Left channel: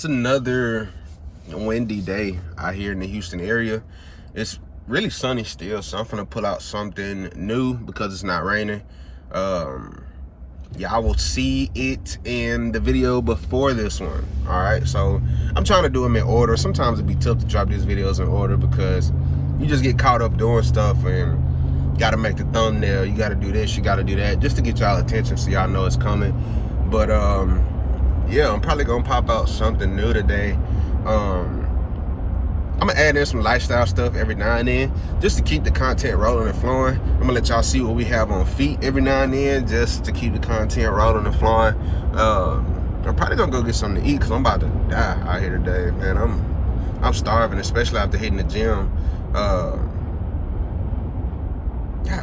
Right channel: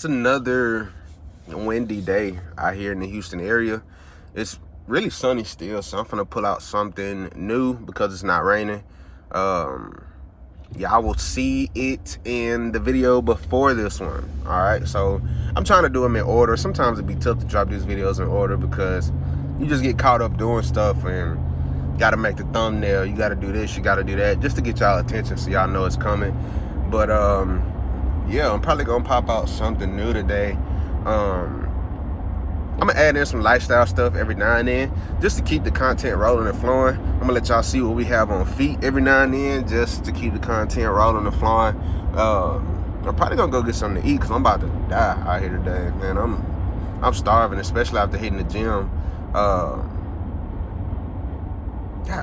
It's another windy day out here in the Houston area. It's really sunny still, so I'm gonna pull out something new because it's not raining. Y'all will see it in the video before this one. All right, so I'm trying to do them in order. Sometimes it'd be tough to drop these videos in order because you just get caught up doing stuff and gotta make the thumbnail. You gotta do this, you gotta do that, just to get y'all attention so y'all know it's coming. But yeah, I'm probably gonna pop out something new today. I'm gonna add in some lifestyle stuff every now and then just to keep the content rolling and flowing. I'm gonna let y'all see what we have on feet every now and then just to keep the content rolling and flowing. I'm probably gonna go get something to eat because I'm about to die out here today, man. I'm starving, especially after hitting the gym. God,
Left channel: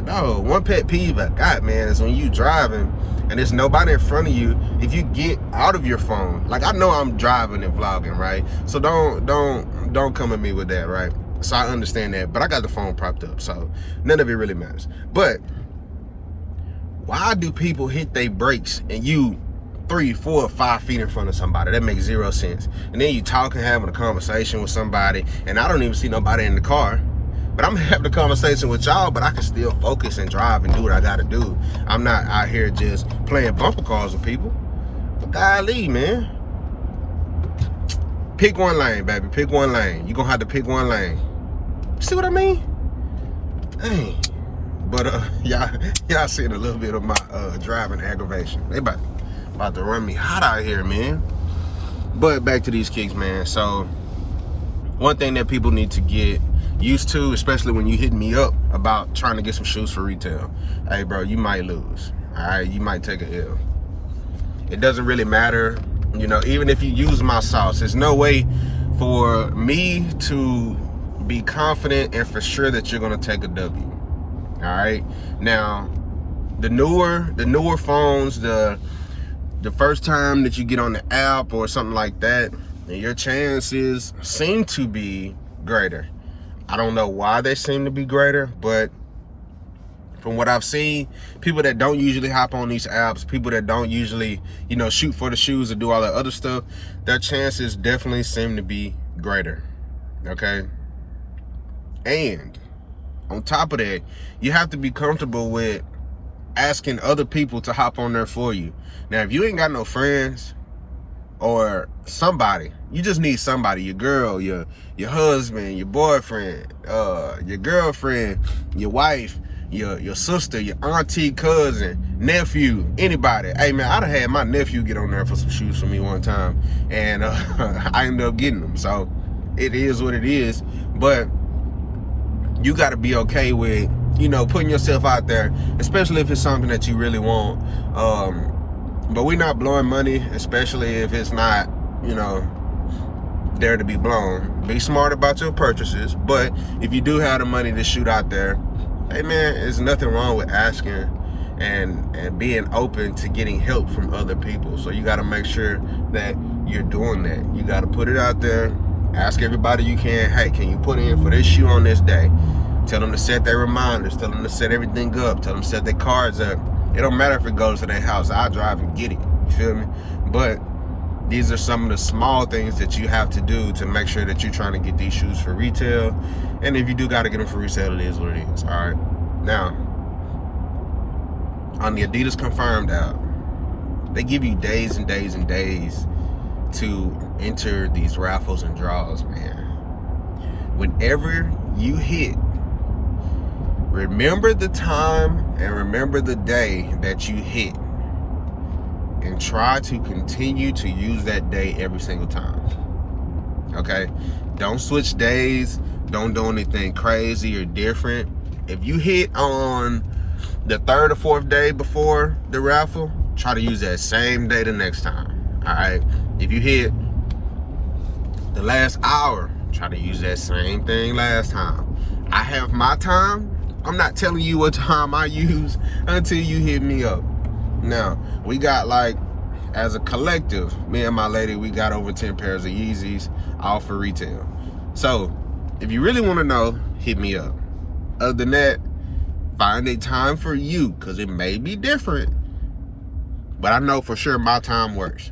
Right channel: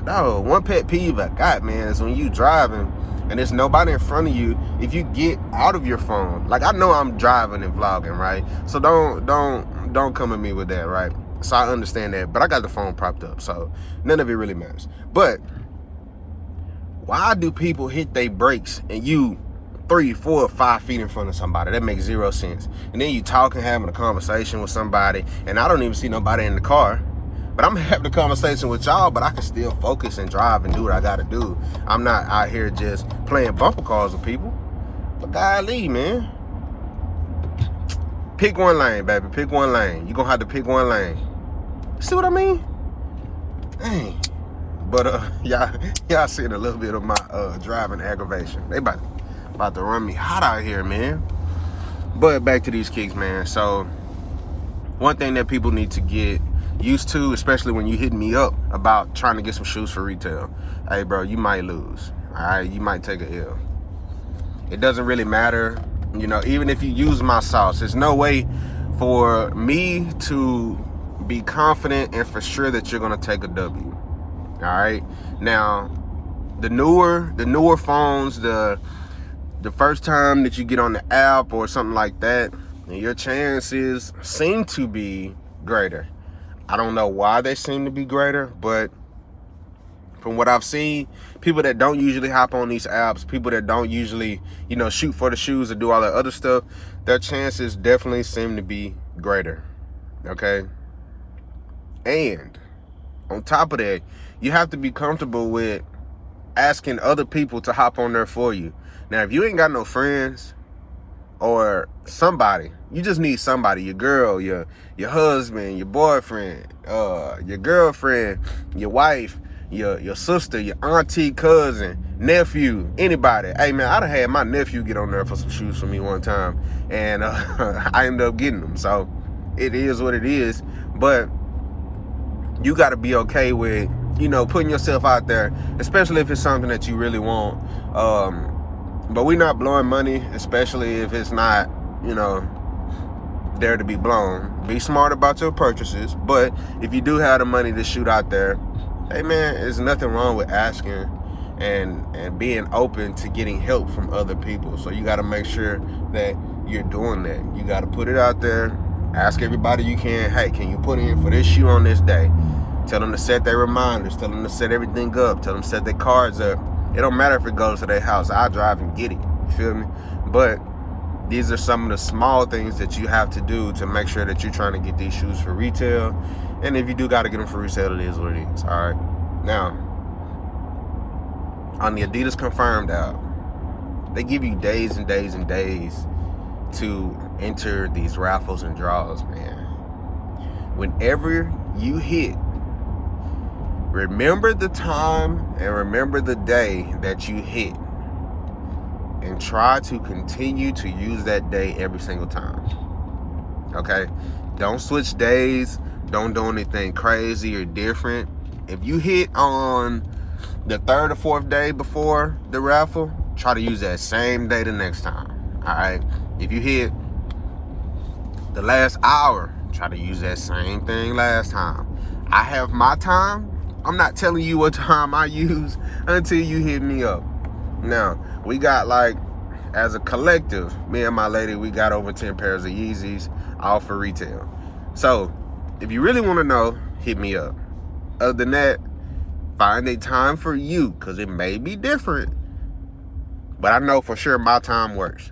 no, one pet peeve I got, man, is when you driving and there's nobody in front of you. If you get out of your phone, like, I know I'm driving and vlogging, right? So don't come at me with that, right? So I understand that, but I got the phone propped up, so none of it really matters. But why do people hit their brakes and you 3, 4, 5 feet in front of somebody? That makes zero sense. And then you talking, having a conversation with somebody, and I don't even see nobody in the car. But I'm having a conversation with y'all, but I can still focus and drive and do what I gotta do. I'm not out here just playing bumper cars with people. But golly, man. Pick one lane, baby. Pick one lane. You're gonna have to pick one lane. See what I mean? Dang. But y'all seeing a little bit of my driving aggravation. They about to run me hot out here, man. But back to these kicks, man. So one thing that people need to get used to, especially when you hit me up about trying to get some shoes for retail. Hey, bro, you might lose. All right, you might take a L. It doesn't really matter, you know. Even if you use my sauce, there's no way for me to be confident and for sure that you're gonna take a W. All right. Now, the newer phones, the first time that you get on the app or something like that, your chances seem to be greater. I don't know why they seem to be greater, but from what I've seen, people that don't usually hop on these apps, people that don't usually, you know, shoot for the shoes or do all that other stuff, their chances definitely seem to be greater, okay? And on top of that, you have to be comfortable with asking other people to hop on there for you. Now, if you ain't got no friends or somebody, you just need somebody, your girl, your husband, your boyfriend, your girlfriend, your wife, your sister, your auntie, cousin, nephew, anybody. Hey, man, I done had my nephew get on there for some shoes for me one time, and I ended up getting them. So it is what it is. But you got to be okay with, you know, putting yourself out there, especially if it's something that you really want. But we're not blowing money, especially if it's not, you know, there to be blown. Be smart about your purchases. But if you do have the money to shoot out there, hey, man, there's nothing wrong with asking and being open to getting help from other people. So you got to make sure that you're doing that. You got to put it out there. Ask everybody you can. Hey, can you put in for this shoe on this day? Tell them to set their reminders. Tell them to set everything up. Tell them to set their cards up. It don't matter if it goes to their house. I drive and get it. You feel me? But these are some of the small things that you have to do to make sure that you're trying to get these shoes for retail. And if you do got to get them for resale, it is what it is. All right. Now, on the Adidas Confirmed app, they give you days and days and days to enter these raffles and draws, man. Whenever you hit, remember the time and remember the day that you hit, and try to continue to use that day every single time. Okay? Don't switch days. Don't do anything crazy or different. If you hit on the 3rd or 4th day before the raffle, try to use that same day the next time. All right? If you hit the last hour, try to use that same thing last time. I have my time. I'm not telling you what time I use until you hit me up. Now, we got, like, as a collective, me and my lady, we got over 10 pairs of Yeezys, all for retail. So, if you really want to know, hit me up. Other than that, find a time for you, because it may be different, but I know for sure my time works.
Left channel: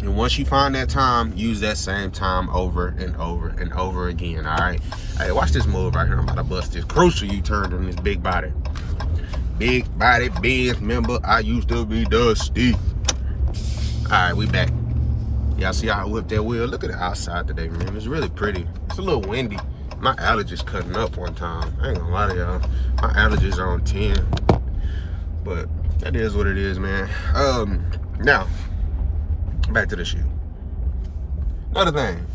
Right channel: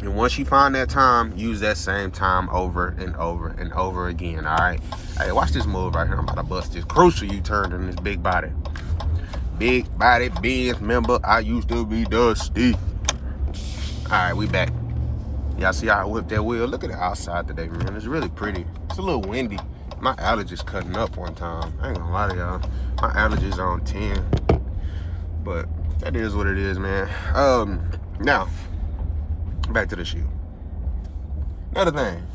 And once you find that time, use that same time over and over and over again, all right? Hey, watch this move right here. I'm about to bust this crucial U-turn in this big body. Big body Benz member, I used to be dusty. All right, we back. Y'all see how I whipped that wheel? Look at the outside today, man. It's really pretty. It's a little windy. My allergies cutting up one time. I ain't gonna lie to y'all. My allergies are on 10. But that is what it is, man. Now, back to the shoe. Another thing.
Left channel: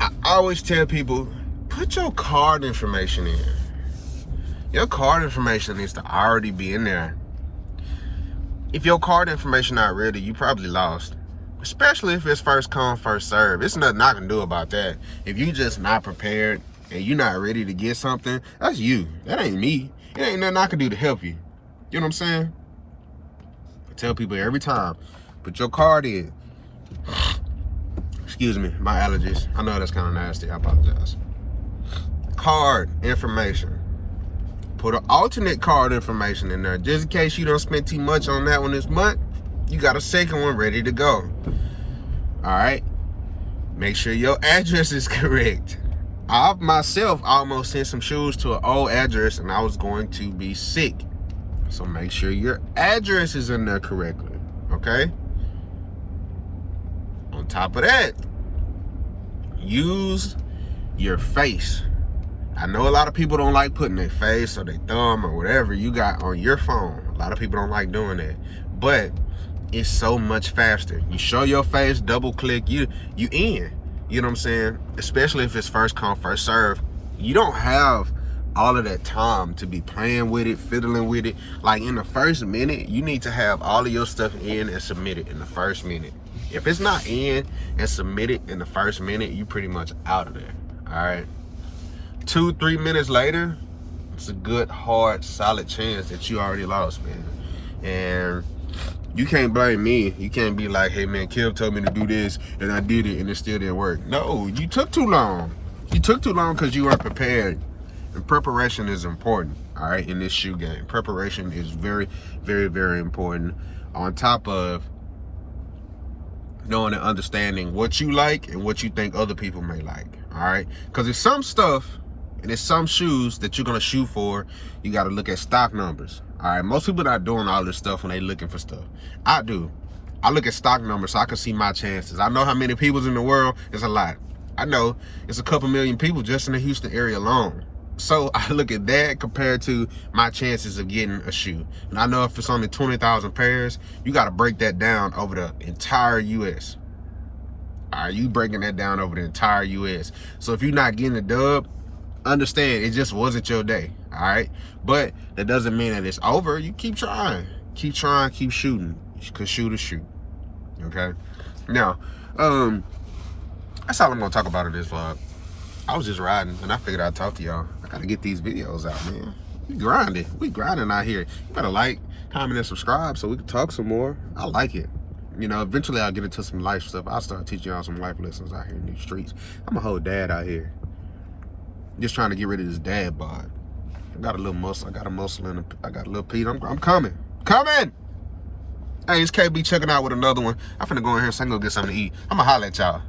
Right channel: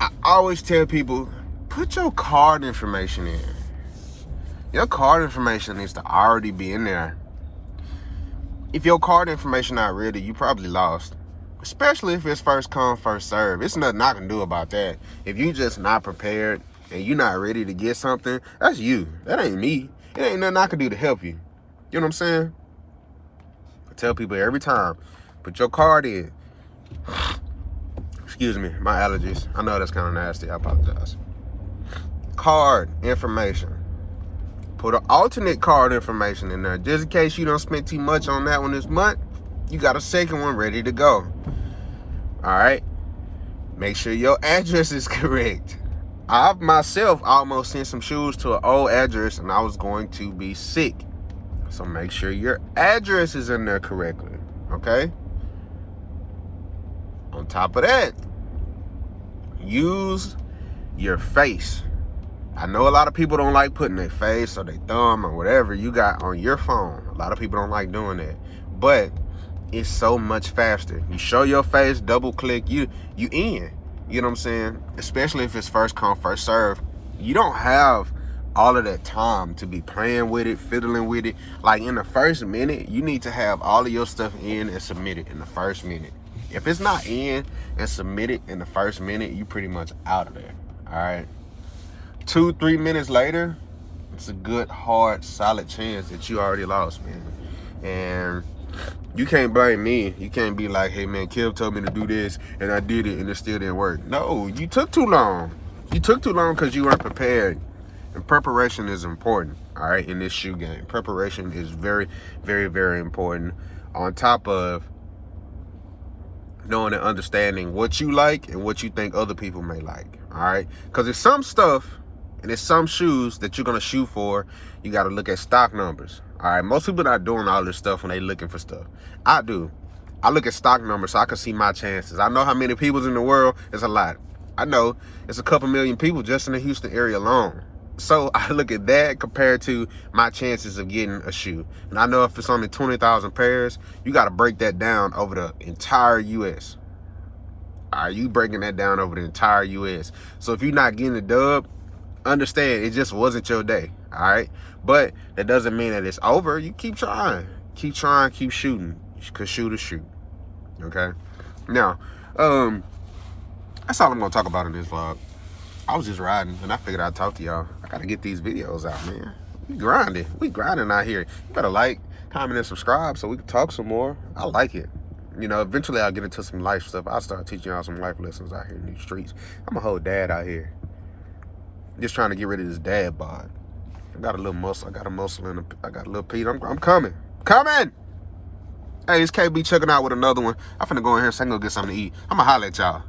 I always tell people, put your card information in. Your card information needs to already be in there. If your card information not ready, you probably lost. Especially if it's first come, first serve. It's nothing I can do about that. If you just not prepared and you not ready to get something, that's you. That ain't me. It ain't nothing I can do to help you. You know what I'm saying? I tell people every time, put your card in. Excuse me, my allergies. I know that's kind of nasty. I apologize. Card information. Put an alternate card information in there. Just in case you don't spend too much on that one this month, you got a second one ready to go. All right? Make sure your address is correct. I myself almost sent some shoes to an old address and I was going to be sick. So make sure your address is in there correctly, okay? On top of that, use your face. I know a lot of people don't like putting their face or their thumb or whatever you got on your phone. A lot of people don't like doing that. But it's so much faster. You show your face, double click, you in. You know what I'm saying? Especially if it's first come, first serve. You don't have all of that time to be playing with it, fiddling with it. Like in the first minute, you need to have all of your stuff in and submitted in the first minute. If it's not in and submitted in the first minute, you pretty much out of there, all right? 2-3 minutes later, it's a good, hard, solid chance that you already lost, man. And you can't blame me. You can't be like, hey, man, Kev told me to do this, and I did it, and it still didn't work. No, you took too long. You took too long because you weren't prepared. And preparation is important, all right, in this shoe game. Preparation is very, very, very important. On top of knowing and understanding what you like and what you think other people may like, all right? Because there's some stuff and there's some shoes that you're going to shoot for. You got to look at stock numbers, all right? Most people not doing all this stuff when they looking for stuff. I do. I look at stock numbers so I can see my chances. I know how many people's in the world. It's a lot. I know it's a couple million people just in the Houston area alone. So I look at that compared to my chances of getting a shoe. And I know if it's only 20,000 pairs, you got to break that down over the entire U.S. All right, you breaking that down over the entire U.S. So if you're not getting the dub, understand it just wasn't your day, all right? But that doesn't mean that it's over. You keep trying. Keep trying, keep shooting. Because shoot is shoot, okay? Now, that's all I'm going to talk about in this vlog. I was just riding, and I figured I'd talk to y'all. I gotta get these videos out, man. We grinding out here. You better like, comment, and subscribe so we can talk some more. I like it. You know, eventually I'll get into some life stuff. I'll start teaching y'all some life lessons out here in these streets. I'm a whole dad out here. Just trying to get rid of this dad bod. I got a little muscle. I got a muscle in I got a little Pete. I'm coming. Coming! Hey, it's KB checking out with another one. I'm finna go in here so I can go get something to eat. I'm gonna holler at y'all.